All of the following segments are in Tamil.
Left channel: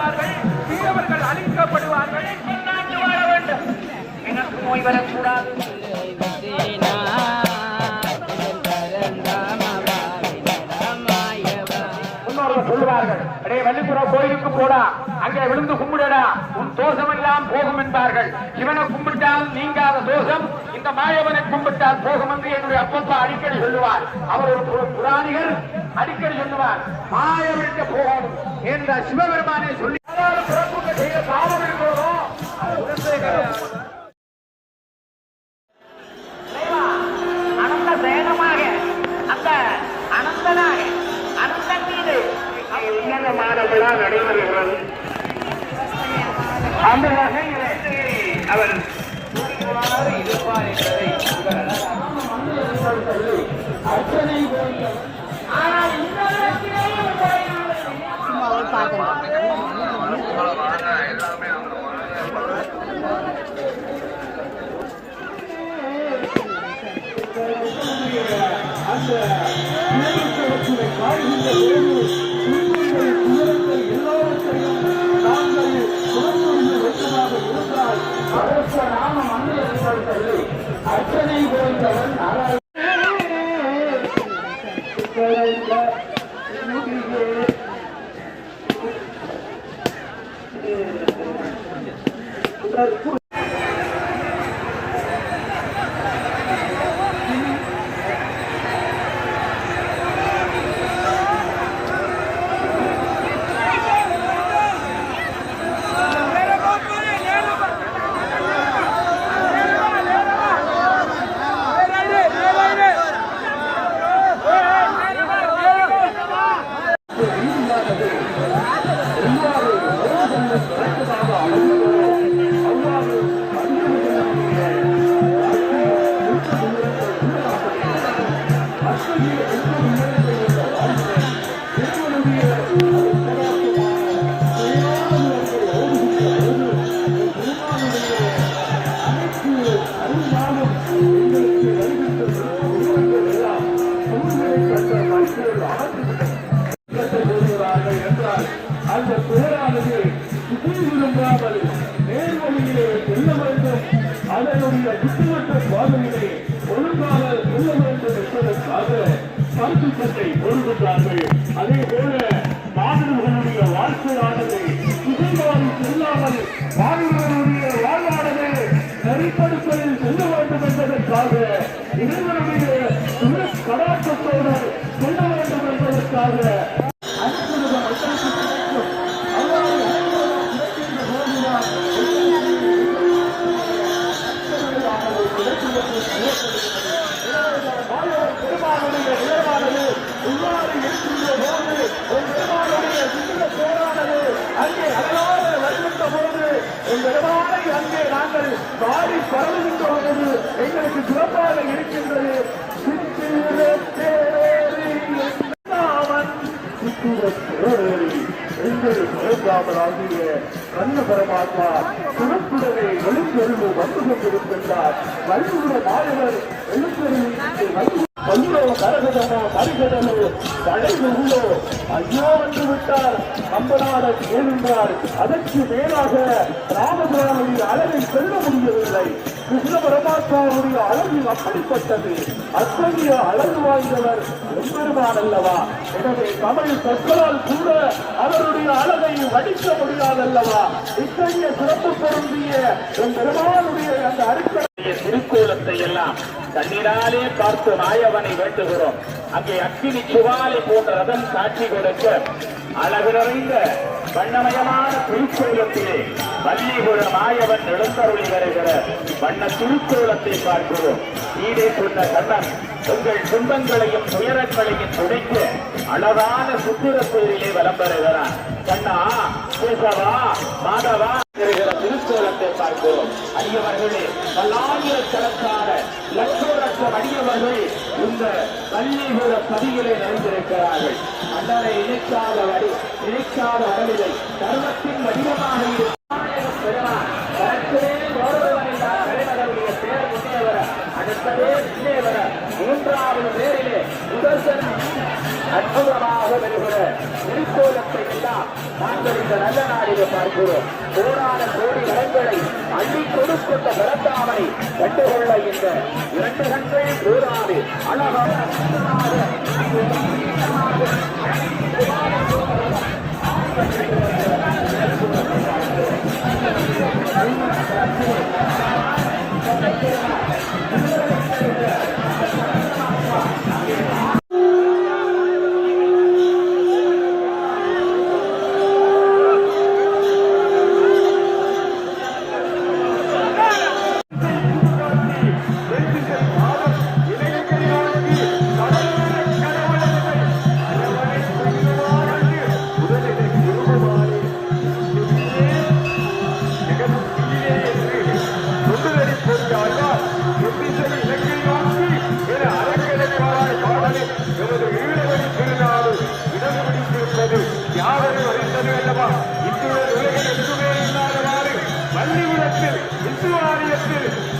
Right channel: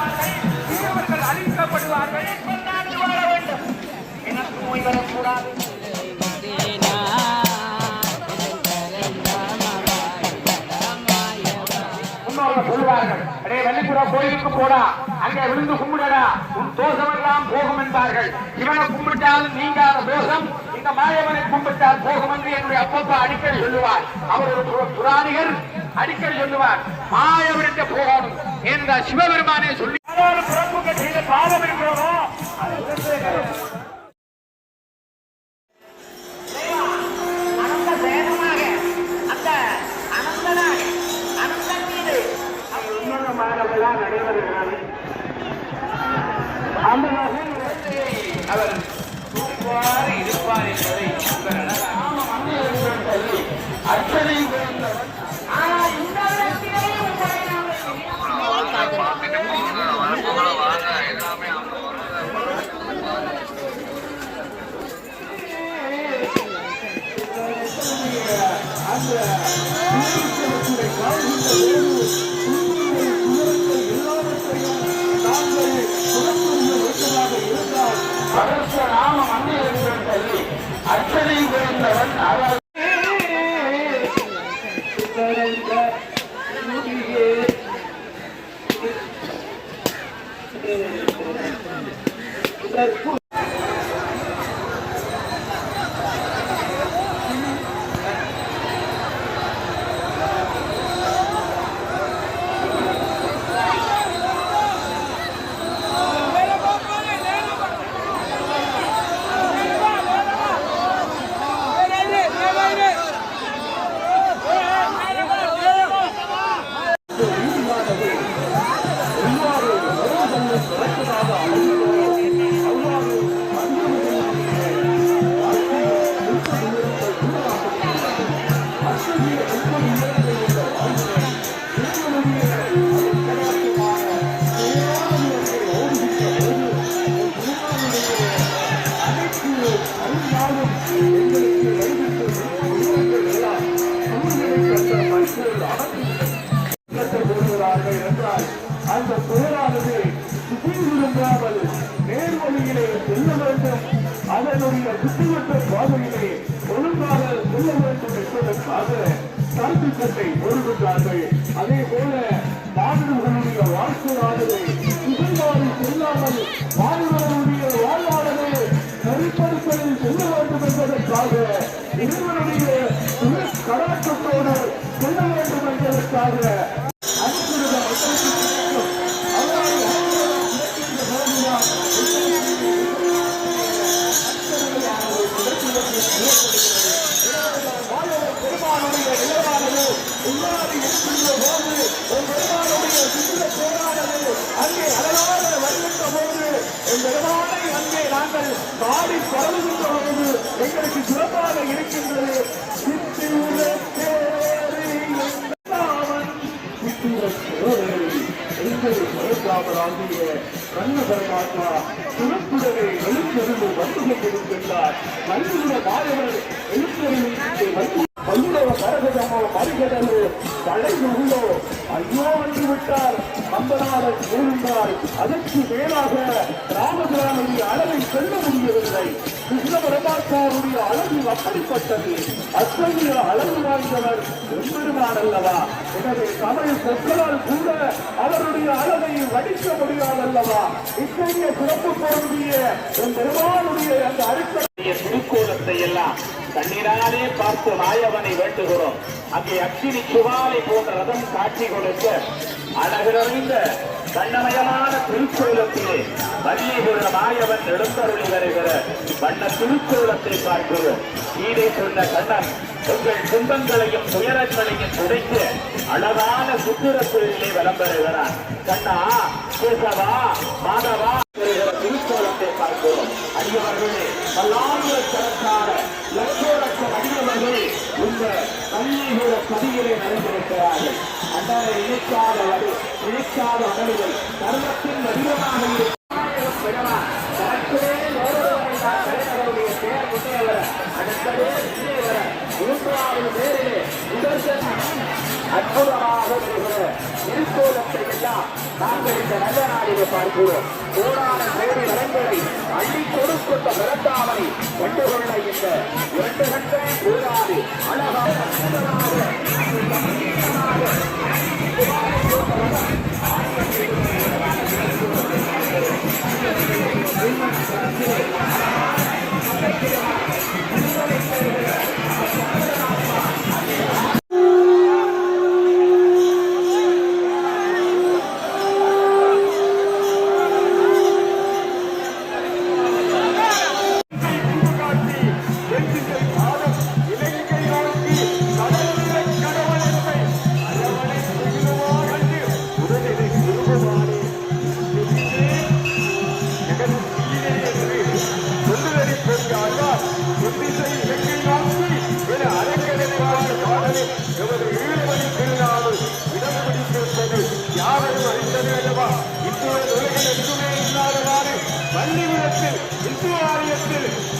அழிக்கப்படுவார்கள், தீயவர்கள் அழிக்கப்படுவார்கள். வாழ வேண்டும், எனக்கு நோய் வரக்கூடாது. சொல்வார்கள், வள்ளிபுர கோயிலுக்கு போடா, அங்கே விழுந்து கும்பிடடா, உன் தோஷம் எல்லாம் போகும் என்பார்கள். இவனை கும்பிட்டால் நீங்காத தோஷம் இந்த மாயவனை கும்பிட்டால் போகும் என்று என்னுடைய அப்பப்பா அடிக்கடி சொல்லுவார். அவர் ஒரு புராணிகர், அடிக்கடி சொல்லுவார், மாயவனுக்கு போகணும் என்ற சிவபெருமானே சொல்லி செய்த பாவம் இருக்கிறோம். அனந்த வேகமாக அந்த அனந்தனாக அனந்தன் மீது மாதங்களால் நடைபெறுகிறது. அந்த வகையிலே அவர் ஆனால் இந்த அந்த போரானது விரும்பாமல் நேர்வழியிலே செல்ல வேண்டும், அதனுடைய விட்டுவிட்ட பாதையிலே ஒழுங்காக செல்ல வேண்டும் என்பதற்காக கருத்துக்கத்தை ஒழுங்குகிறார்கள். அதே போல மாணவர்களுடைய வாழ்க்கையானது சுகமாறி செல்லாமல் மாணவர்களுடைய வாழ்வானது நெறிப்படுத்தலில் செல்ல வேண்டும் என்பதற்காக இறைவனுடைய கலாச்சாரத்தோடு செல்ல வேண்டும் என்பதற்காக அங்கே அழகாக வருகின்ற போது எங்களுமானை அங்கே நாங்கள் பாடி பரவுகின்ற போது எங்களுக்கு சிறப்பாக இருக்கின்றது. எங்கள் பரந்தாமராகிய கண்ண பரமாத்மா சிறப்புடனே எழுத்தறிவு வந்து கொண்டிருக்கின்றார். வருகின்ற மாணவர் எழுத்தறிவு பல்லோ கரகதமோ மறிகடலோ தலைமுகளோ ஐயோ என்று விட்டார். நம்பனாளர் கூறுகிறார், அதற்கு மேலாக ராமபிரானுடைய அளவை சொல்ல முடியவில்லை. கிருஷ்ண பரமாத்மாவுடைய அளவு அப்படிப்பட்டது. அத்தகைய அளவு வாய்ந்தவர் எம்பெருமான் அல்லவா? எனவே தமிழ் சொற்களால் கூட அவருடைய அளவை வடிக்க முடியாதல்லவா? இத்தகைய சிறப்பு பொருந்திய எம்பெருமானுடைய அந்த அடிப்படை திருக்கோலத்தை எல்லாம் கண்ணீராலே பார்த்து மாயவனை வேண்டுகிறோம். அங்கே அக்கினி சுவாலை போன்ற ரதம் காட்சி கொடுக்க அழகு நிறைந்த வண்ணமயமான திருக்கோலத்திலே வள்ளிபுர மாயவன் எழுந்தருளி வருகிற வண்ண திருக்கோலத்தை பார்க்கிறோம். ஈடே சொன்ன கண்ணன் உங்கள் துன்பங்களையும் துயரங்களையும் துடைத்து அழகான சுற்றுரத்திலே வலம் பெறுகிறான். கண்ணா, கேசவா, மாதவா திருக்கோலத்தை பார்க்கிறோம். அடியவர்களே, பல்லாயிரக்கணக்கான லட்சோலட்சம் அடியவர்கள் இந்த வள்ளிபுர பதியிலே நடந்திருக்கிறார்கள். அன்றரை இணைக்காத வரவில்லை. தர்மத்தின் வடிவமாக மூன்றாவது பேரிலே அற்புதமாக வருகிற திருக்கோலத்தை எல்லாம் நல்ல நாடிலே பார்க்கிறோம். கோடான கோடி நலன்களை அள்ளி கொடுக்கின்ற பிறந்தாமனை கண்டுகொள்ள இந்த 2 கண்கள் போதாது. அழகாக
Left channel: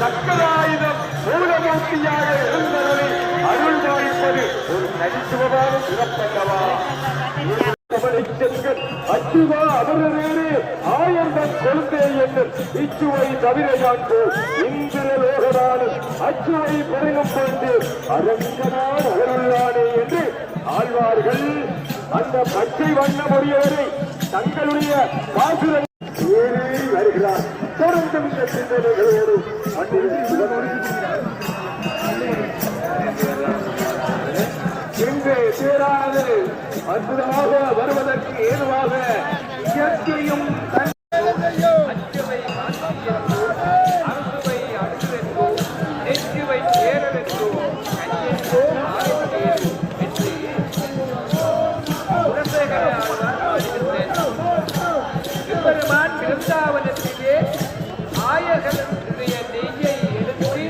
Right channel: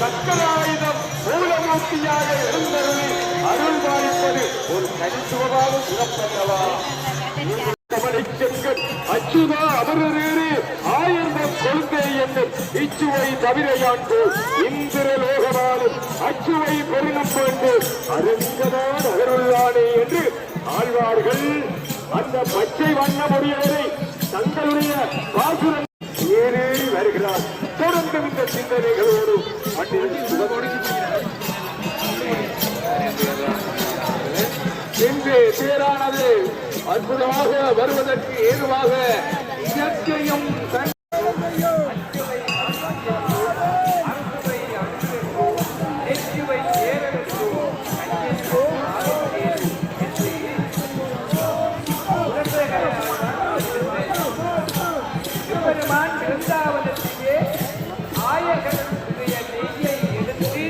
சக்கராயுதம் மூலமூர்த்தியாக இருந்தவனை அருள் பாலிப்பது ஒரு தனித்துவமாக சிறப்பல்லவா. அச்சுவா அமரவேறு ஆயர்தம் கொள்கை என்னும் இச்சுவை தவிரையாண்டு இந்திர லோகமானது அச்சுவை பெருகம் கொண்டு அரங்கனார் அகருள்ளானே என்று ஆழ்வார்கள் அந்த பச்சை வண்ண மொழியவரை தங்களுடைய பாசுரம் ஏறி வருகிறார். தொடர்ந்து இந்த சிந்தனைகளோடு இங்கே தேரானது அற்புதமாக வருவதற்கு ஏதுவாக இயற்கையும் அறுசுவை அடுவென்றோ நெச்சுவை சேரவென்றோ கஞ்சென்றோ மாறும் என்று குலசேகர ஆழ்வார் பாடுகின்றனர். எம்பெருமான் பிருந்தாவனத்திலே ஆயகனுடைய நெய்யை எடுத்து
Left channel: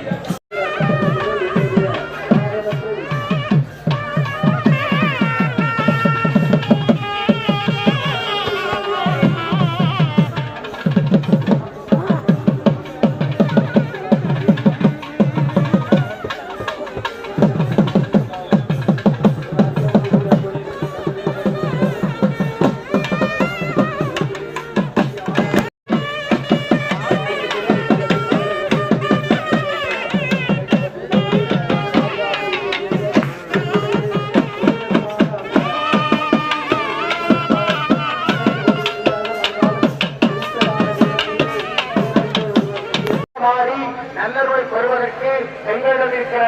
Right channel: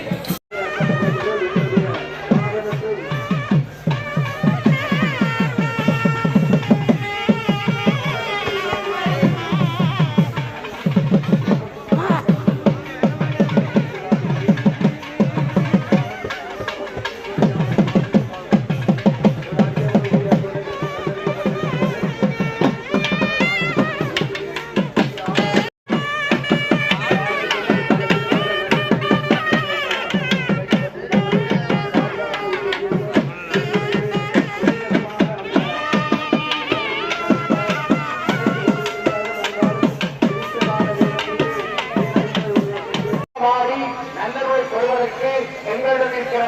நல்லவரை பெறுவதற்கு எங்களிடம் இருக்கிற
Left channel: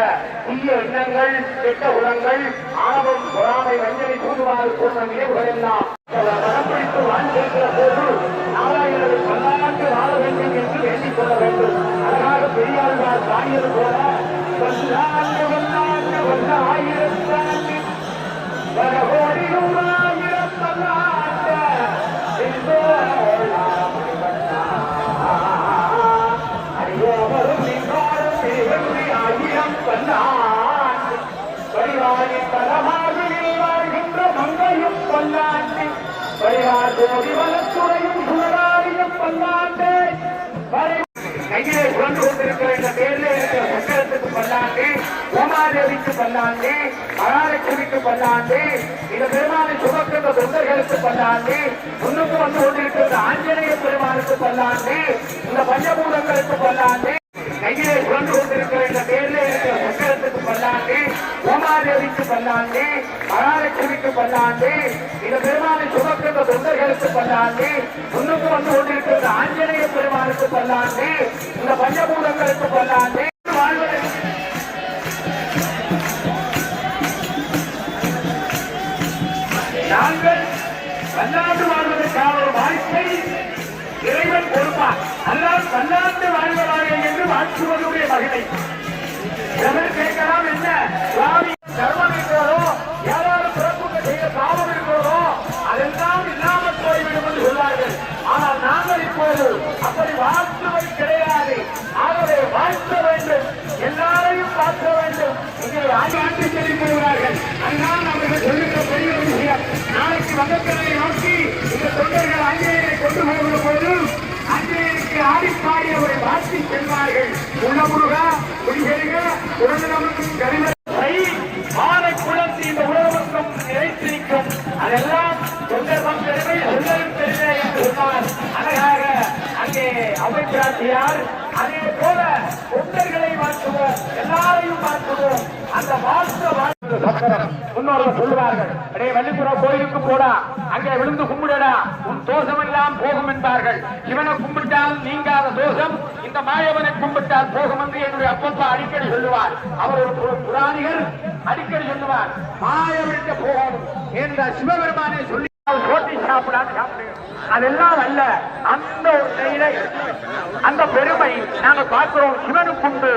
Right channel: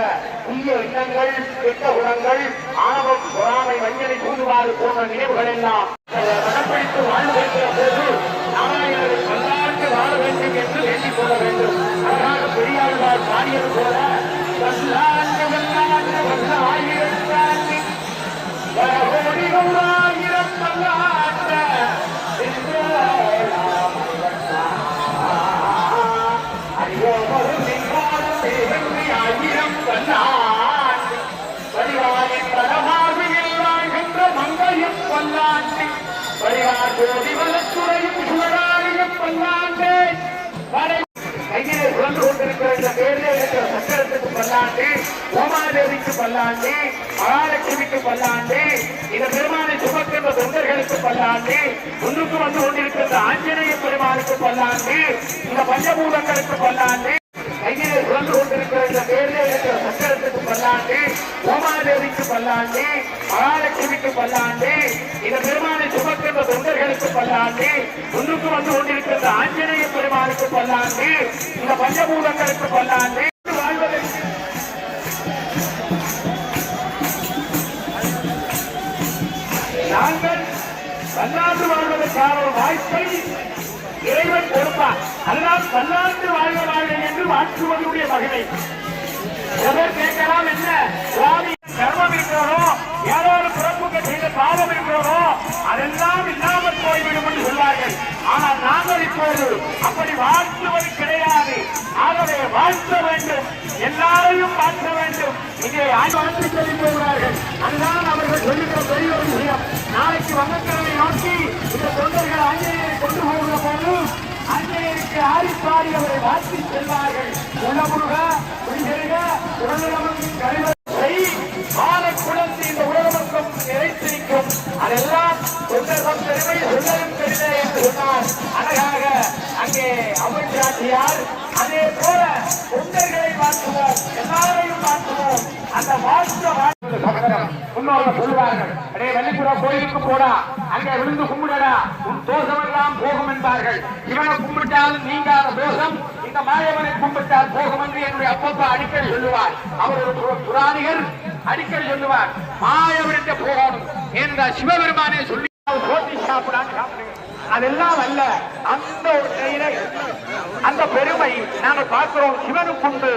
புதிய எண்ணங்கள், கெட்ட குணங்கள், ஆணவம், பொறாமை, வஞ்சனை, தூதுவாறு போன்ற நினைவுகள் எல்லாம் கடைப்பிடித்து வாழ்ந்திருக்கிற போது நாராயணரை கொண்டாண்டு வாழ வேண்டும் என்று வேண்டிக் கொள்ள வேண்டும். அதனால பெரியாழ்வார் பாடியது போல கையிலே சுழந்து கொண்டிருக்கிற இந்த பேரிலே இருக்கிற சக்கரத்துக்கு பல்லாண்டு, உமாதேவிக்கு பல்லாண்டு, மகாலட்சுமிக்கு பல்லாண்டு, இந்த பெருமானை சுமக்கின்ற தொண்டர்களுக்கு பல்லாண்டு, முன்னுக்கு வந்து கொண்டிருக்கின்ற ஆஞ்சநேய பெருமானுக்கு பல்லாண்டு, இந்த பஞ்சபூதங்களுக்கு பல்லாண்டு. கையிலே சுழந்து கொண்டிருக்கிற இந்த பேரிலே இருக்கிற சக்கரத்துக்கு பல்லாண்டு, உமாதேவிக்கு பல்லாண்டு, மகாலட்சுமிக்கு பல்லாண்டு, இந்த பெருமானை சுமக்கின்ற தொண்டர்களுக்கு பல்லாண்டு, முன்னுக்கு வந்து கொண்டிருக்கின்ற ஆஞ்சநேய பெருமானுக்கு பல்லாண்டு, இந்த பஞ்சபூதங்களுக்கு பல்லாண்டு. நாங்கள் பல்லாண்டு வாழ்வதற்கான ஒரு வாய்ப்பை இறைவன் கொடுப்பார். அல்லாஹ் பல்லாண்டு வாழ்வார்கள் என்று வாழ்த்துவதுடைய மகிமை. கேட்கலாம், என்ன சுவாமி கர்மம் இருக்கிறதோ, யாரோடு பிறப்புக்கு செய்த பாவம் இருக்கிறதோ அதெல்லாம் இல்லாமல் போய்விடும் என்று சொன்னார்கள். ஆனால் நாங்கள் இப்போது அப்படி வாழ்த்துவது கிடையாது. ஆகவே வாழ்த்த வேண்டும், எல்லாரையும் பார்க்க வேண்டும். இங்கே ஆய்வாண்டி சொல்லி போகிறார்கள். அன்றான் அவர்கள் சொல்லுகிற பெரிய ஒரு விஷயம். நாளைக்கு வங்கக்கடலை நோக்கி இந்த தொண்டர்கள் ஆஞ்சநேயரை கொண்டு போகிற போது ஆஞ்சநேயருக்கு ஆடிப்பாடி அவரை வாழ்த்தி சென்றார்கள். உணமுருக குடிசெருக உடனமக்கும் கருவை பாலக்குளத்து இந்த உலகமக்கம் நிறைத்து நிற்கும். அதெல்லாம் தொண்டர் பக்தர்கள் ஆகையால் அதே போல தொண்டர்களை மாற்றுவோம், எல்லாரையும் மாற்றுவோம். அந்த மாற்ற முன்னோர்கள் சொல்லுவார்கள், அடே வள்ளிபுரம் கோயிலுக்கு போடா, அங்கே விழுந்து கும்பிடடா, உன் தோஷமெல்லாம் போகும் என்பார்கள். இவனை கும்பிட்டால் நீங்காத தோஷம் இந்த மாயவனை கும்பிட்டால் போகும் என்று என்னுடைய அப்பப்பா அடிக்கடி சொல்லுவார். அவர் ஒரு புராணிகர், அடிக்கடி சொல்லுவார், மாயவனுக்கு போகணும் என்ற சிவபெருமானே சொல்லி போட்டி சாப்பிடான்னு சாப்பிடுங்க. அதெல்லாம் அல்ல, அந்த ஒரு செயலை அந்த பெருமை நாங்கள் பார்க்கிறோம் சிவனுக்கு உண்டு.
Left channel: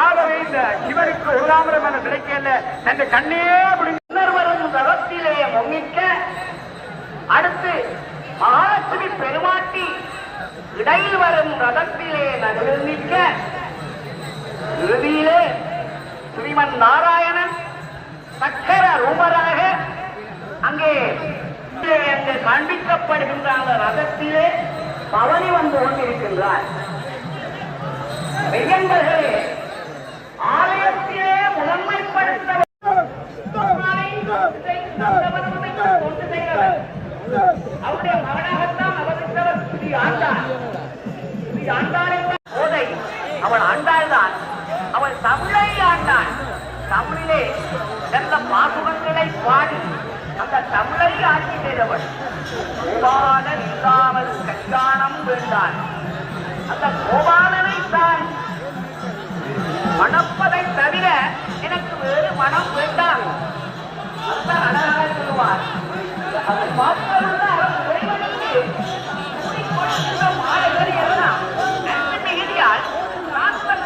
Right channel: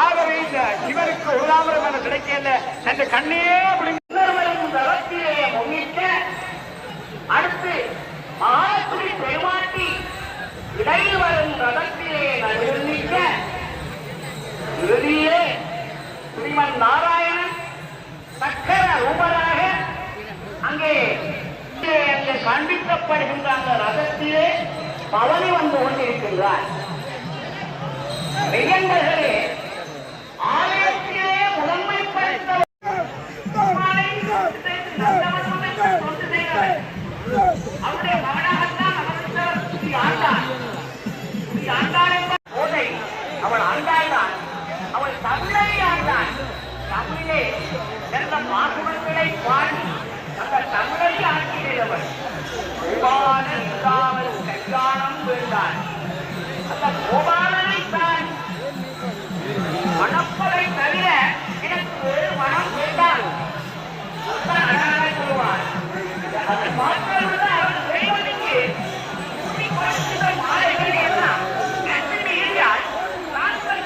ஆகவே இந்த சிவனுக்கு ஒரு தாமரமான கிடைக்கல தன் கண்ணே உணர்வரும் தளத்திலேயே முன்னிக்க அடுத்து மகாஸ்ரீ பெருமாட்டி இடையில் வரும் ரதத்திலே நிற்க இறுதியிலே ஸ்ரீமன் நாராயணன் சக்கர ரூபராக அங்கே காண்பிக்கப்படுகின்ற அந்த ரதத்திலே பவனி வந்து கொண்டிருக்கின்றார். மெய்யன்பர்களே, ஆலயத்திலே முதன்மைப்படுத்த அவருடைய மகனாகத்தான் போதை அவள் ஆண்டாள்தான், அவள் தமிழை ஆண்டாள். தமிழிலே சிறந்த பாசுரங்களை பாடி அந்த தமிழை ஆட்சியவர் கோபாலன் இல்லாமல் கல்யாணம் வேண்டான். அந்த கோபாலனை தான் மணப்பதை தவிர எனக்கு வேறு மனம் வேண்டாம். அதுதான் அழகாக சொல்லுவார். அதை பார்ப்பது அவர் வேலைக்கு மாலைகள் எல்லாம்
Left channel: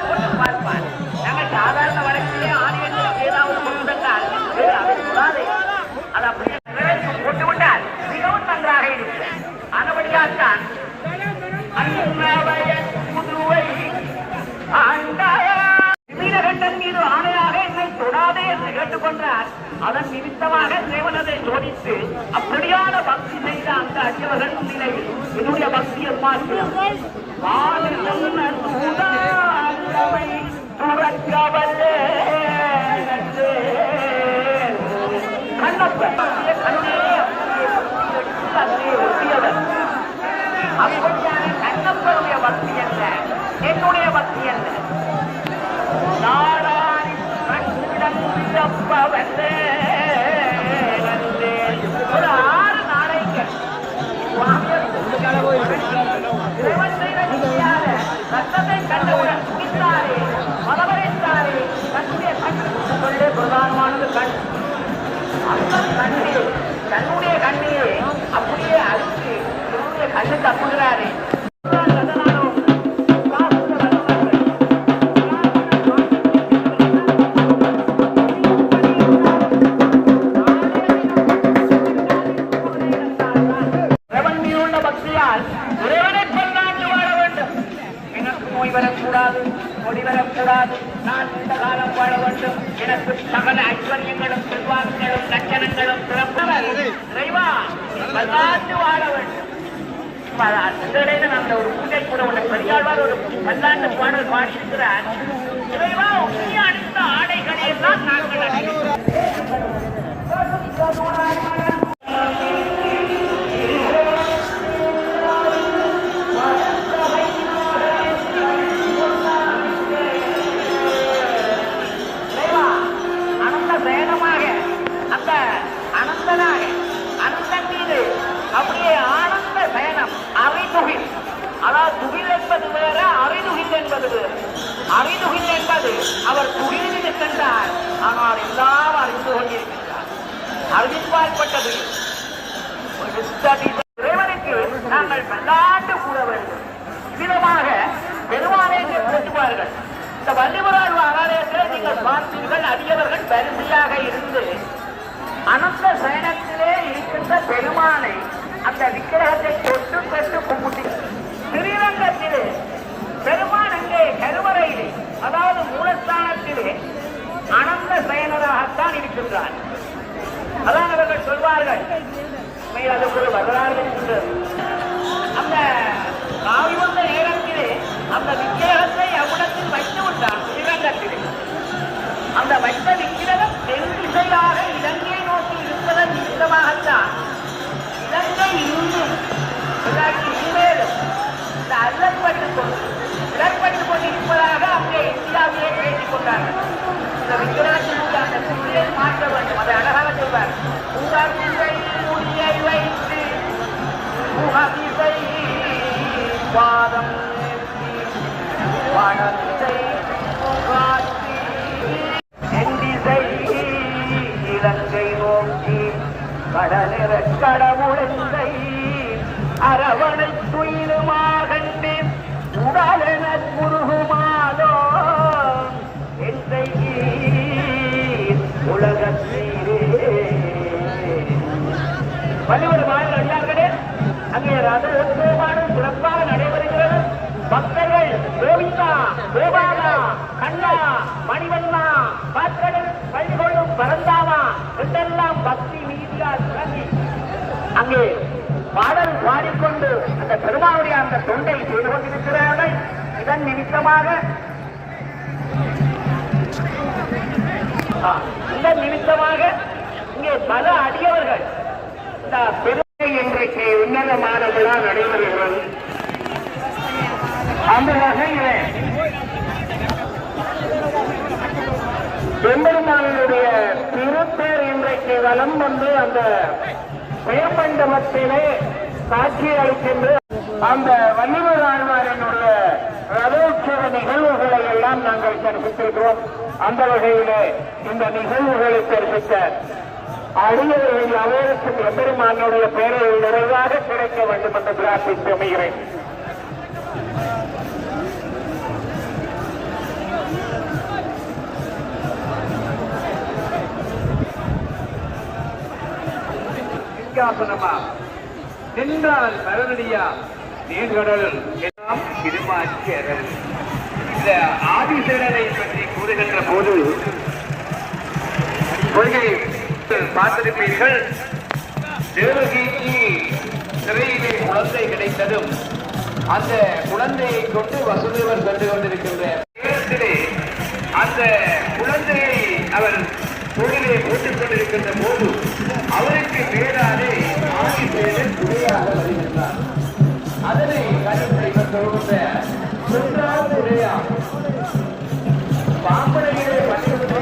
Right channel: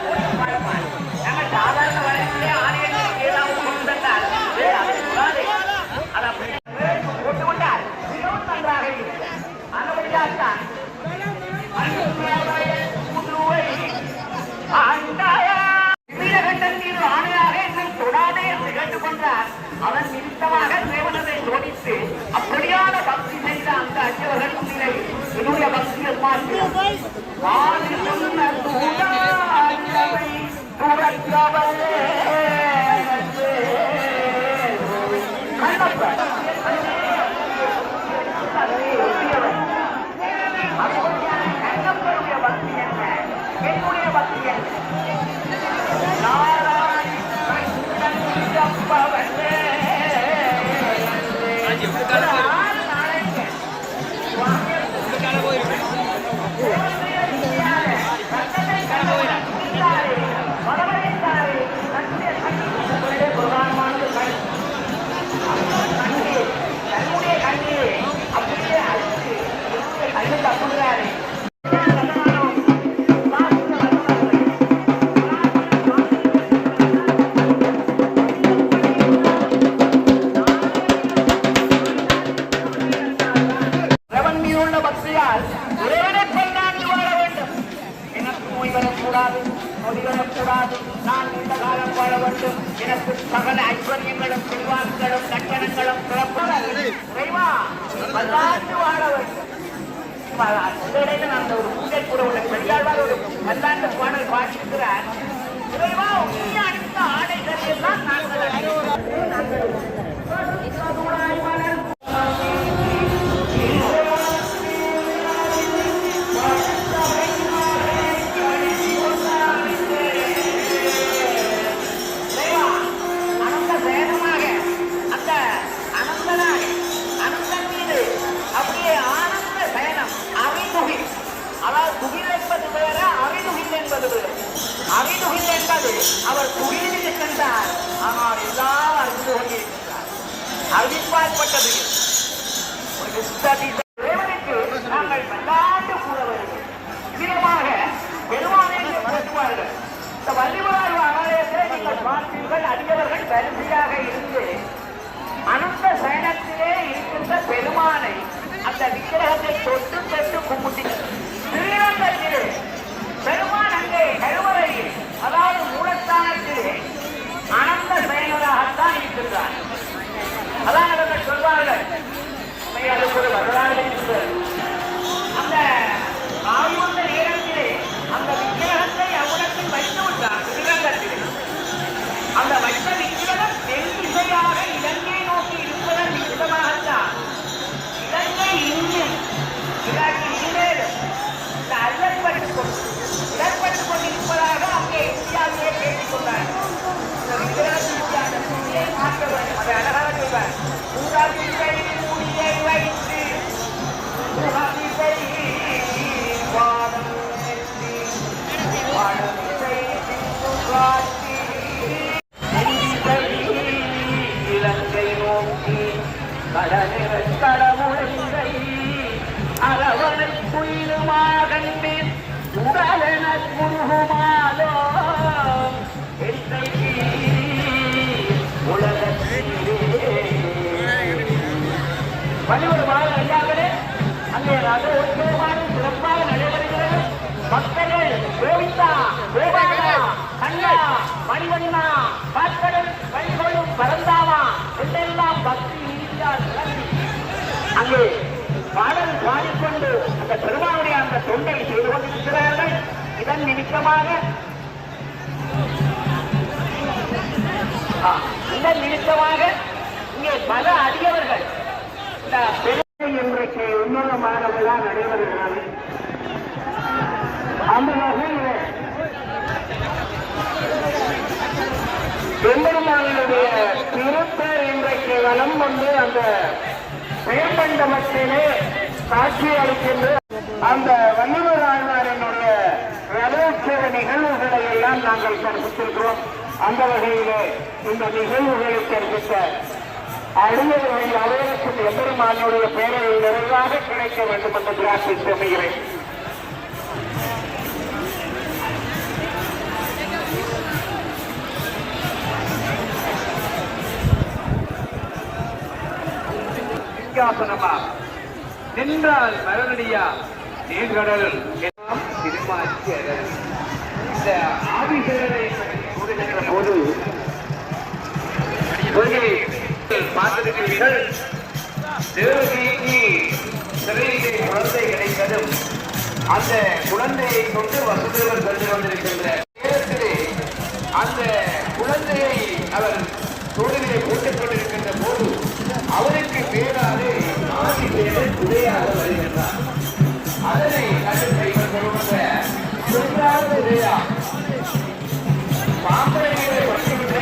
போட்டு பார்ப்பார். நாங்கள் சாதாரண வழக்கிலே ஆலயங்களுக்கு ஏதாவது கொண்டு வந்தால் அதை சொல்லாதே, அதை அப்படியே போட்டுவிட்டால் மிகவும் நன்றாக இருக்கிறார். ஆனபடியால்தான் வீரகண்டன் மீது ஆணையாக என்னை தொடாதே என்று கேட்டுக்கொண்டார். அதன் நிமித்தமாக தேவனதை சோதித்து அப்படியான பக்தி செய்த அந்த அச்சவர்கள் முன்னிலை என்னுடைய பக்தியை மாற்றினார். அப்படியான கண்ணப்பருடைய பக்தி என்ன, என்னுடைய பக்தி என்ன? ஒரு 6 நாளைக்கு ரத்தத்தை கண்டவுடன் குடித்தாரே, மதவரைத்தாரே, தன்னுடைய கண்ணீர் பிரதானமானது கண். அந்த கண்ணீர் தன்னுடைய கண்ணீரை அப்படியே அழித்து என்னுடைய கண்ணு தப்புகிறாரே. உள்ள பக்தியால் ஒருவனை பல்லாண்டு வாழ வேண்டும். எனக்கு நோய் வரக்கூடாது, நொடி வரக்கூடாது, நான் இந்த காலம் வாழ வேண்டும். எனக்கு சகல ஐஸ்வர்யங்களும் செல்வாக்குகளும் லட்சணங்களும் இறைவா பல்லாண்டு வாழ வேண்டும். அந்த இடையில நான் ஒரு உண்டை கூட உள்ள பெரியாழ்வார் ஒரு பல்லாண்டு பாடல் பாடியிருக்கிறார். இறைவா நீ அணிந்த ஆடைகளை எல்லாம் நாங்கள் அணிகிறோம். அதாவது துகில் என்பது வேற, அறிதுகில் என்பது வேறு. அறிதுகில் என்பது அவர் துகிலில் சென்றார், ஆனால் எல்லாம் அறிந்து கொண்டிருக்கிறார். அறிவிப்பாற்பட்டது இறைவனுக்கு நாங்கள் பல்லாண்டு கூற வேண்டும். விதமாக பெருமானை போற்றுவார்கள். இந்த வள்ளிபுரம் ஆலயத்தில் நீங்கள் பார்த்தீர்கள், அடியவர்கள் வரிசையாக இருந்து அனந்த சயனத்திலே இருக்கின்ற பெருமானை அந்த விக்கிரகத்தை தொட்டு தொட்டு கும்பிட்டு திருநங்கையிலே பெருமான் அங்கே கருவறையில், அதாவது மூலஸ்தானத்திலே அனந்த சயனராகத்தான் இருக்கின்றார். அதான் அவர்கள் சொல்வார்கள், அதுக்கு ஒரு வரலாறு இருக்கிறது. அந்த ஆய்வந்த நேரத்திலே அந்த விக்கிரகத்தை அவனுக்கு வைத்து விட்டார் திருநங்கத்தில். அந்த வைத்த விக்கிரகம் தென் திசையாக இலங்கை நோக்கி இருப்பதன் விதமாகத்தான் இலங்கை இருந்து இந்த அல்லை வைத்துக் கொண்டு உடன்பட்டுக் கொண்டிருப்பதாக அங்கே இந்தியாவிலே பேசிக் கொண்டார்கள். இந்த விக்கிரகத்திற்கான சூழலை மாற்ற வேண்டும். அதை அழகாக சொல்வார். உகதிசை முடியை வைத்து உகதிசை வாதம் ஏற்றி வடதிசை புகாற்றி நெல்திசை இலங்கை நோக்கி கடவுளை அரவணை துயிலுமாகண்டு உடலென குருகுமாலோ உலகத்திலே வலிவருமாய் அறியார்களே அங்கே சிறப்பாக நடைபெறுகிறது. பக்தர்கள் கோவிந்தா கோபாலா கண்ணா மணிவண்ணா பாத்தகன் கைகொள்ளும் பரந்தாமா என்றெல்லாம் பக்தி இருக்கிறார். அங்கே பாடல் பாடிக்கொண்டு அந்த பெருமானுடைய அந்த தொண்டை செய்து கொண்டிருக்கிறார்கள். இதன் நிமித்தமாக இங்கே பல அடியவர்கள் இந்த பெருமை இன்றைக்கு உன்னதமான விழா நடைபெறுகிறது. அந்த வகையிலே பெருமானுடைய திருப்பேர் இன்றைக்கு வலம் வந்து அந்த பெயர்மண்டலத்திலே காட்சி அளிக்கின்ற அந்த வள்ளுவர் ஆழ்வாரனுடைய ரதோற்சவ நிகழ்வுகளை எல்லாம் நாங்கள் கற்பித்திருக்கிறோம். அந்த வகையிலே இந்த நிகழ்வுகளை கற்பித்த அடியவர்கள் அவருக்கு எம்பெருமானுடைய பேரவை நிறைவாக கிடைக்க வேண்டும் என்று பிரார்த்தித்து அமைகிறேன். நின்றால் கரநடியா நீர்கடல் திருமாச்சியர்கள். இந்த ஆதிசேரரை பற்றி கூறுகின்ற போது கொள்கை பார்த்திருப்பீர்கள். தேவகிக்கு சிறையிலே குழந்தை கிடைத்ததும் அந்த குழந்தையை கொண்டு வசுதேவர் கொண்டு கொண்டிருக்கின்ற நேரத்திலே அந்த குழந்தையை அவர் தொழிலே போட்டுக் கொண்டிருக்கின்ற போது அவருக்கு பேராலே ஆதிசேரன் உரையாக வருகின்றார். அதனை கண்டித்த இவர் சொல்கின்ற சென்றார் உரையா பாம்பரையிலே பட்டுவிட்டு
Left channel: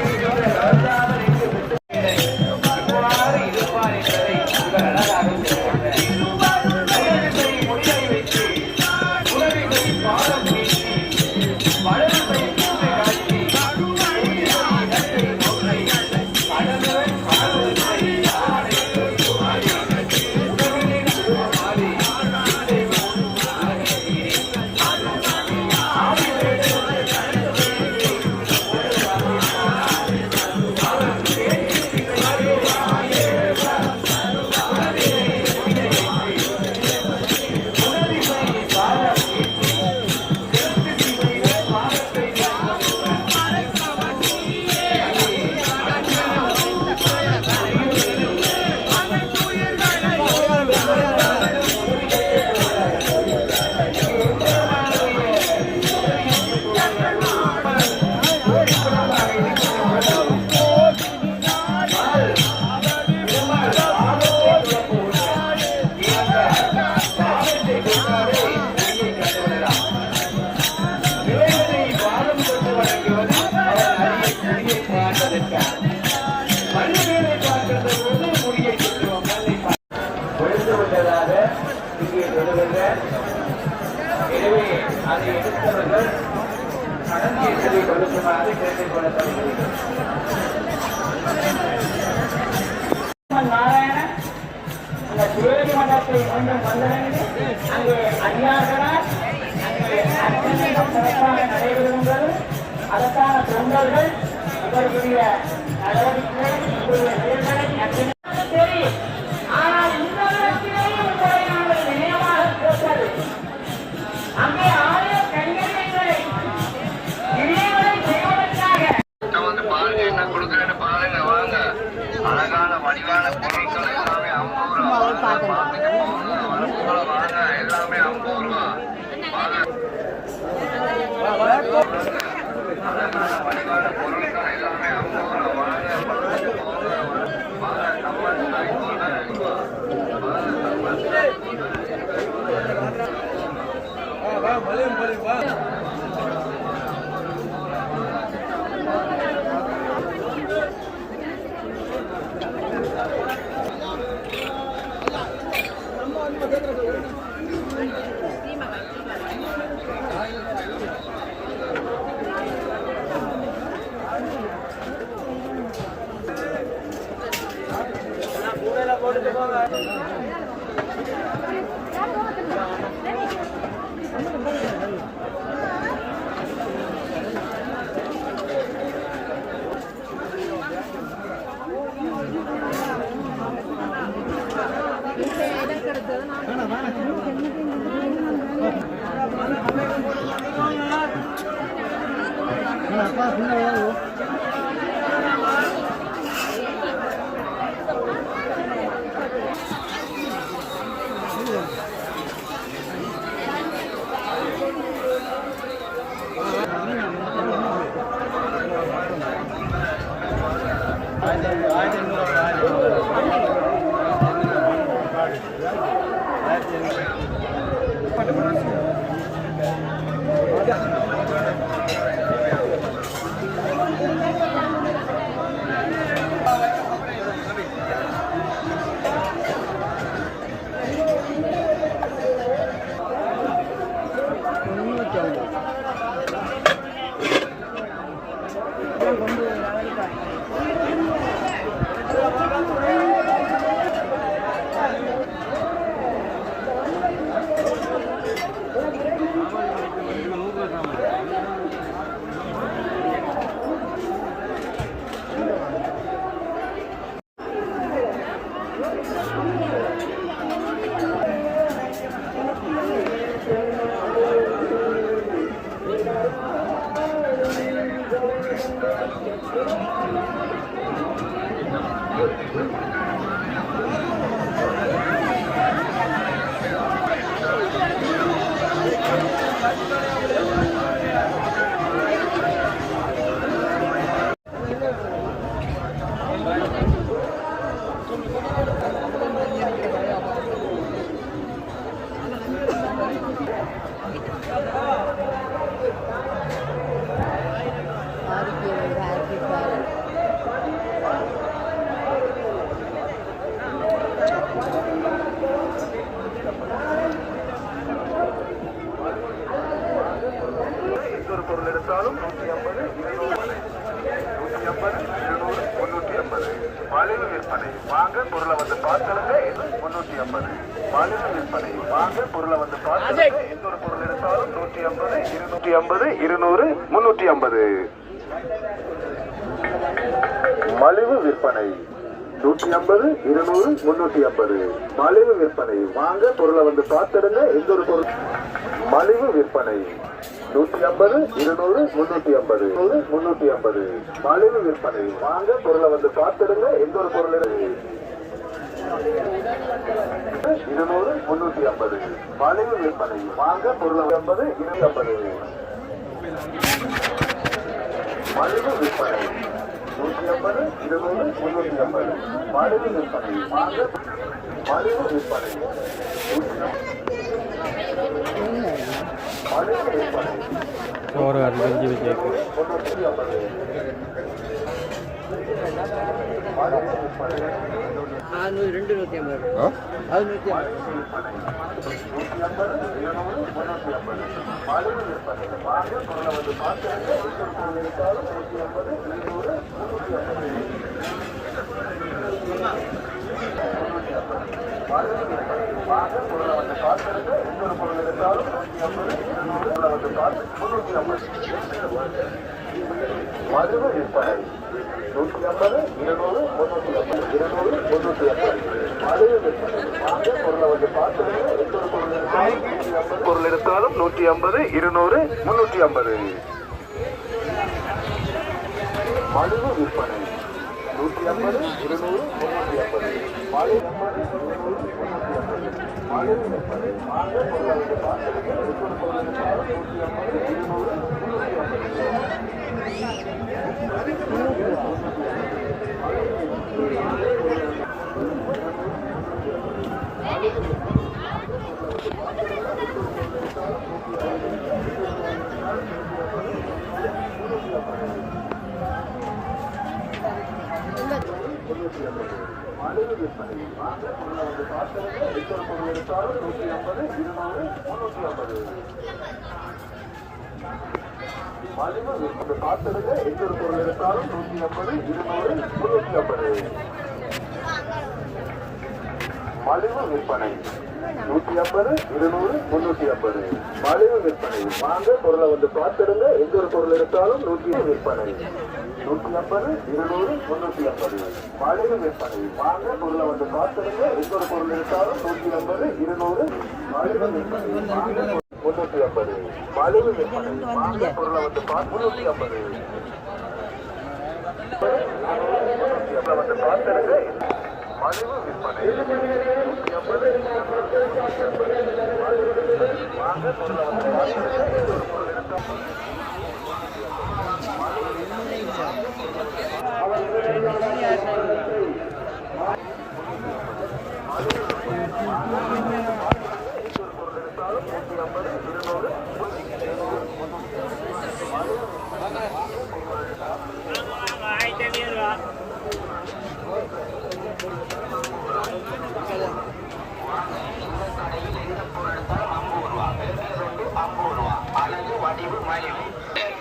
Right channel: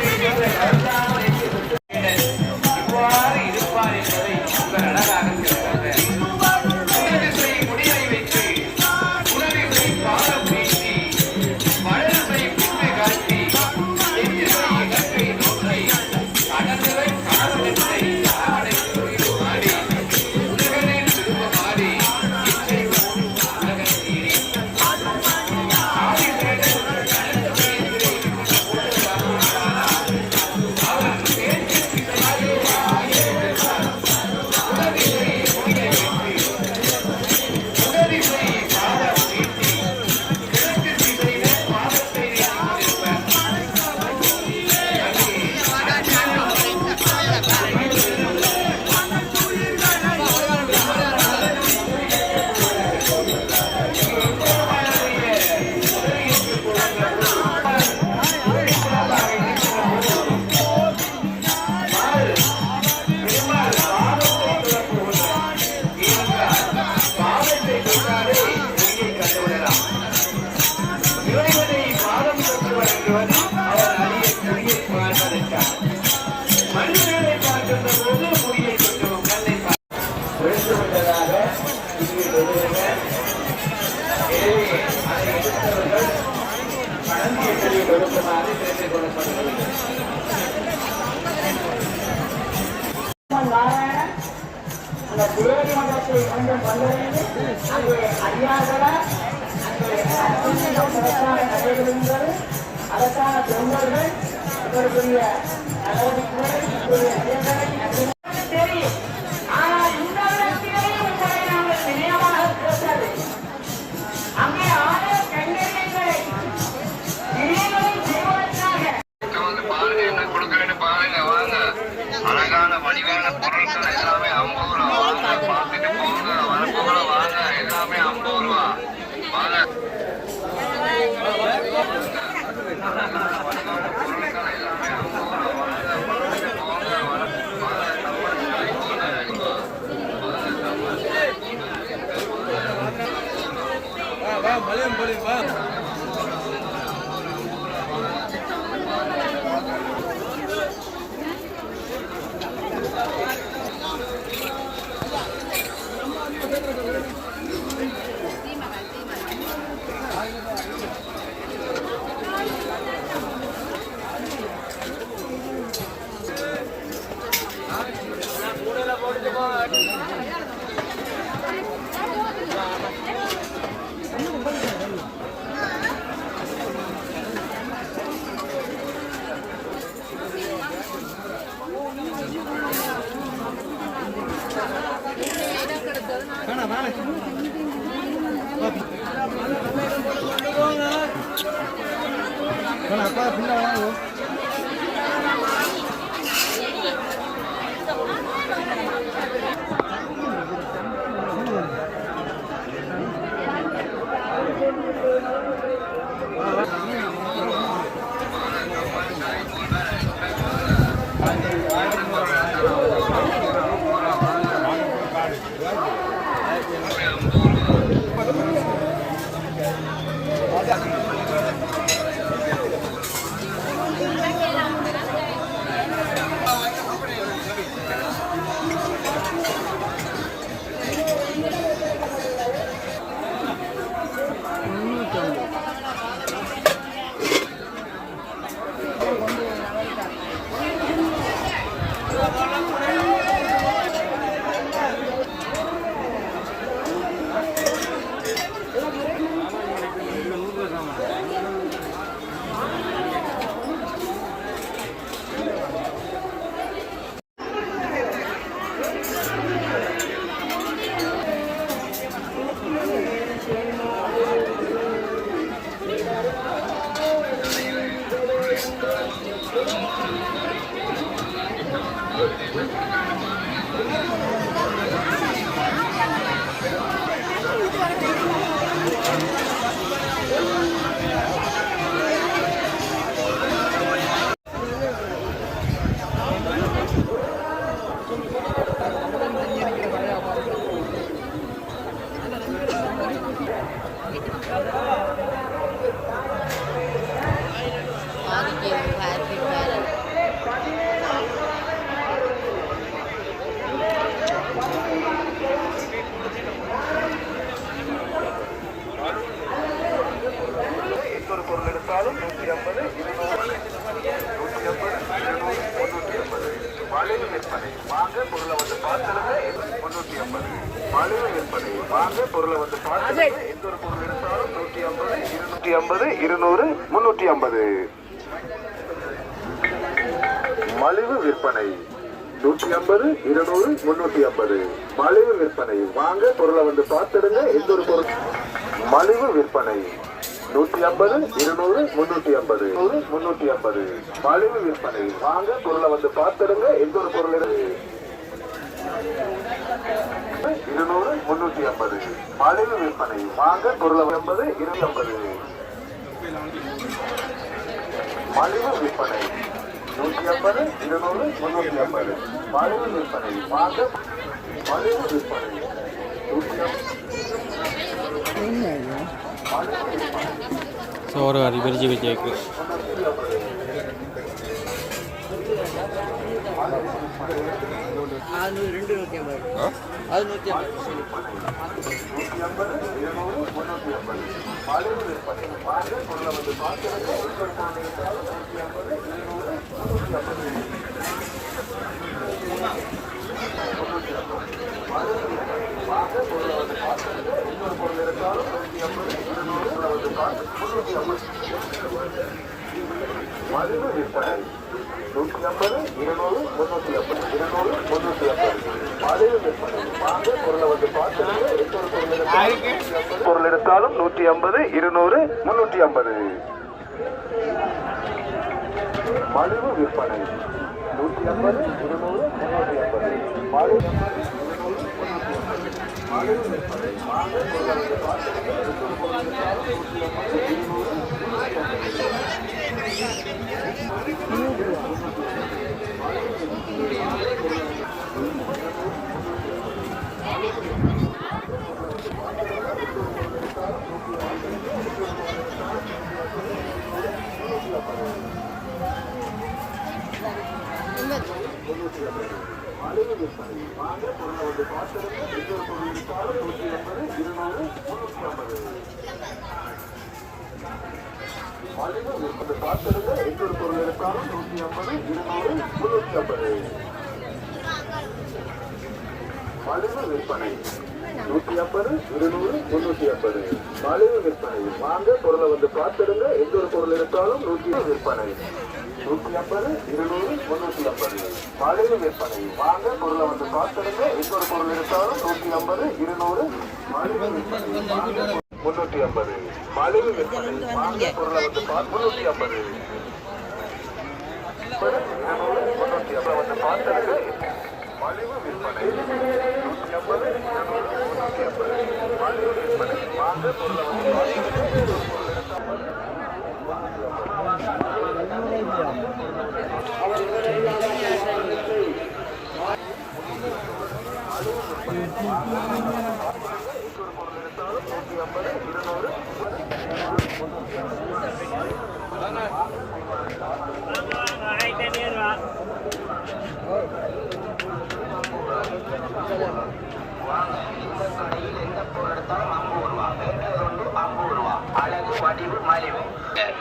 அதற்கான தொண்டர்கள் அவர்களுடைய தெரியும். ஆனால் இந்த இடத்திலேயும் உங்களை நாங்கள் நினைவாக கேட்டது அங்கே ஆலய கண்களை இணைகளை செய்வதற்காக அழகான வடிவான பொருட்கள் எல்லாமே 50 ரூபா கொடுத்துட்டு போங்க. வாங்க எல்லாமே 50 ரூபா. வா எடுத்தாலும் 150, 200, 150, 350, மலிவு விற்பனை வாங்க பொருளை வந்து பார்க்கலுங்க 350 மலிவு விற்பனை வாங்க பொருளை வந்து பார்க்கலுங்க எந்த ஒரு பொருள் எடுத்தாலும் 150, 250, 200, 350 மலிவு விற்பனை 150, 200, 350 மலிவு விற்பனை வாங்க பொருளை வந்து பார்த்துடுங்க எந்த ஒரு பொருள் மலிவு விற்பனை 150, 200, 350, 350 மலிவு விற்பனை வாங்க பொருளை வந்து பார்த்துடுங்க எந்த ஒரு பொருள் 200, 350 மலிவு விற்பனை வாங்க பொருளை 50, 250 மலிவு விற்பனை 150, 200, 350 மலிவு விற்பனை வாங்க மலிவு விற்பனை சோறு அரிசி வச்சு அது 250 அது 150 மலிவு விற்பனை வாங்க பொருளை வந்து பார்த்து வாங்க பொருளை வந்து பார்த்துருங்க இன்னொரு பொருள் இருந்தாலும் 150, 200 மலிவு விற்பனை 150, 200, 350 மலிவு விற்பனை வாங்க பொருளை வந்து பார்த்துருங்க பொருள் எடுத்தாலும் 150, 200, 350 மலிவு விற்பனை 150, 200, மலிவு விற்பனை வாங்க பொருளை வந்து பார்த்துருங்க எந்த பொருள் எடுத்தாலும் 150, 200, 350 மலிவு விற்பனை பார்த்துருங்க எந்த ஒரு பொருள் எடுத்தாலும் 150, 200, 350 மலிவு விற்பனை 150, 200, 350. மலிவு விற்பனை. வாங்க பொருளை வந்து பார்த்துடுங்க. எந்த ஒரு பொருள் எடுத்தாலும் 100 விற்பனை. 150, 200, 350. மலிவு விற்பனை. வாங்க பொருளை வந்து பார்த்துடுங்க. எந்த ஒரு பொருள் எடுத்தாலும் 150, 200. மலிவு விற்பனை. 350. மலிவு விற்பனை. வாங்க பொருளை வந்து 350. 350 வந்து பார்த்துடுங்க. மலிவு விற்பனை 150, 350. மலிவு விற்பனை. வாங்க பொருள் எடுத்தாலும் 150, 200.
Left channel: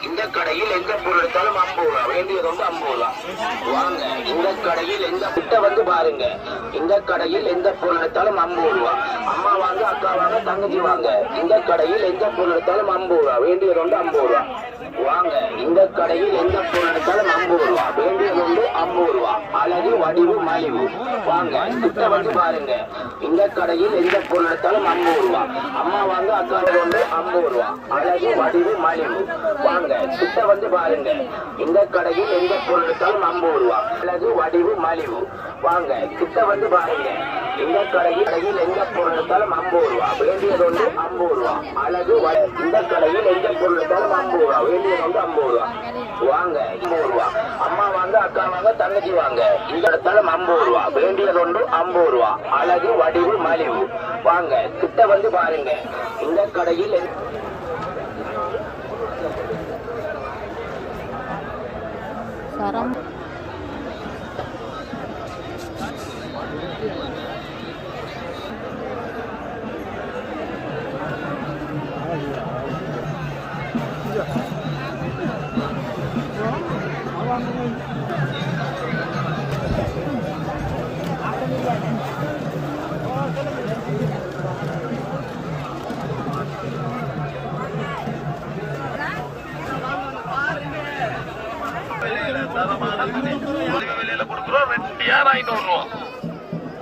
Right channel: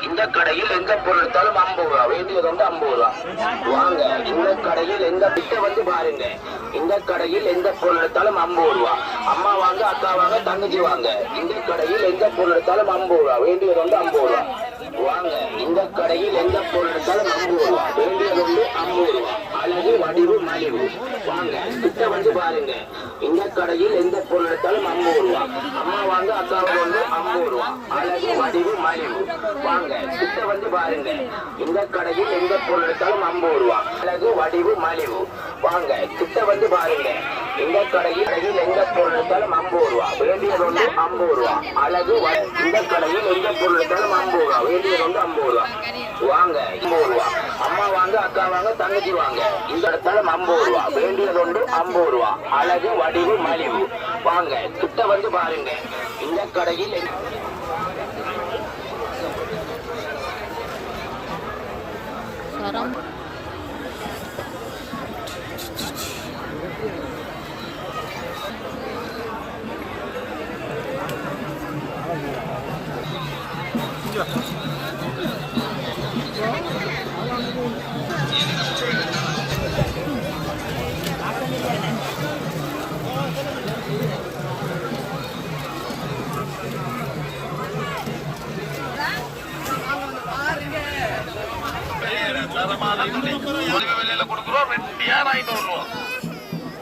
இந்த கடையில் எந்த பொருள் எடுத்தாலும் 50 ரூபா, வேண்டியது வந்து 50 ரூபா. வாங்க இந்த கடையில் எந்த கிட்ட வந்து பாருங்க. இந்த கடையில் எந்த பொருள் எடுத்தாலும் 50 ரூபா. அம்மா வாங்க, அக்கா வாங்க, தங்கச்சி வாங்க. இந்த கடையில் எந்த பொருள் எடுத்தாலும் 50 ரூபா, வேண்டியது வந்து 50 ரூபா. வாங்க இந்த கடையில் எந்த பொருள் எடுத்தாலும் 50 ரூபா, வேண்டியது வந்து 50 ரூபா. அழகு வடிவு மலிவு. வாங்க கிட்ட வந்து பாருங்க. இந்த கடையில் எந்த பொருள் எடுத்தாலும் 50 ரூபா. அம்மா வாங்க, அக்கா வந்து 50 ரூபா. அழகு வடிவு மலிவு. வாங்க கிட்ட வந்து பாருங்க. இந்த கடையில் எந்த பொருள் எடுத்தாலும் 50 ரூபா. அழகு வடிவு மலிவு. வாங்க கிட்ட வந்து பாருங்க. இந்த கடையில் எந்த பொருள் எடுத்தாலும் 50 ரூபா, வேண்டியது வந்து 50 ரூபா. அழகு இந்த கடையில் எந்த பொருள் எடுத்தாலும் 50 ரூபா, வேண்டியது வந்து 50 ரூபா. வாங்க 50 ரூபா. அம்மா வாங்க, அக்கா வாங்க, தங்கச்சி வாங்க. இந்த இடத்தாலும் 50 ரூபா, வேண்டியது வந்து 50 ரூபா. அழகு வடிவு மலிவு. வாங்க கிட்ட வந்து பாருங்க. இந்த கடையில் விலையில கொடுக்குறோம், ரெட்டியார் 500 ரூபா.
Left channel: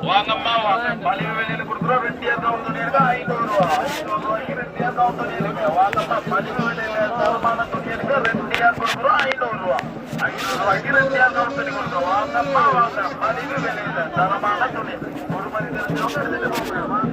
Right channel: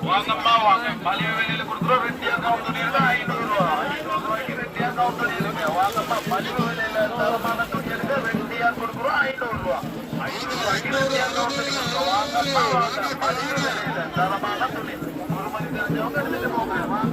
வாங்கம்மா வாங்க, மலிவு விலையில கொடுக்குறோம், ரெட்டியார் கவுண்டர் 500 ரூபா. 500 ரூபாய்க்கு ரெட்டியார் கவுண்டர் இருக்கு. வாங்கம்மா மலிவு விலையில தரமான துணி இருக்கு, ரெட்டியார் கொடுக்குறோம் 500 ரூபா. 500 ரூபாய்க்கு ரெட்டியார் கவுண்டர் கொடுக்குறோம். வாங்கம்மா வாங்க, மலிவு விலையில தரமான துணி. ஒரு மணி நேரம் எடுத்துட்டு போங்க.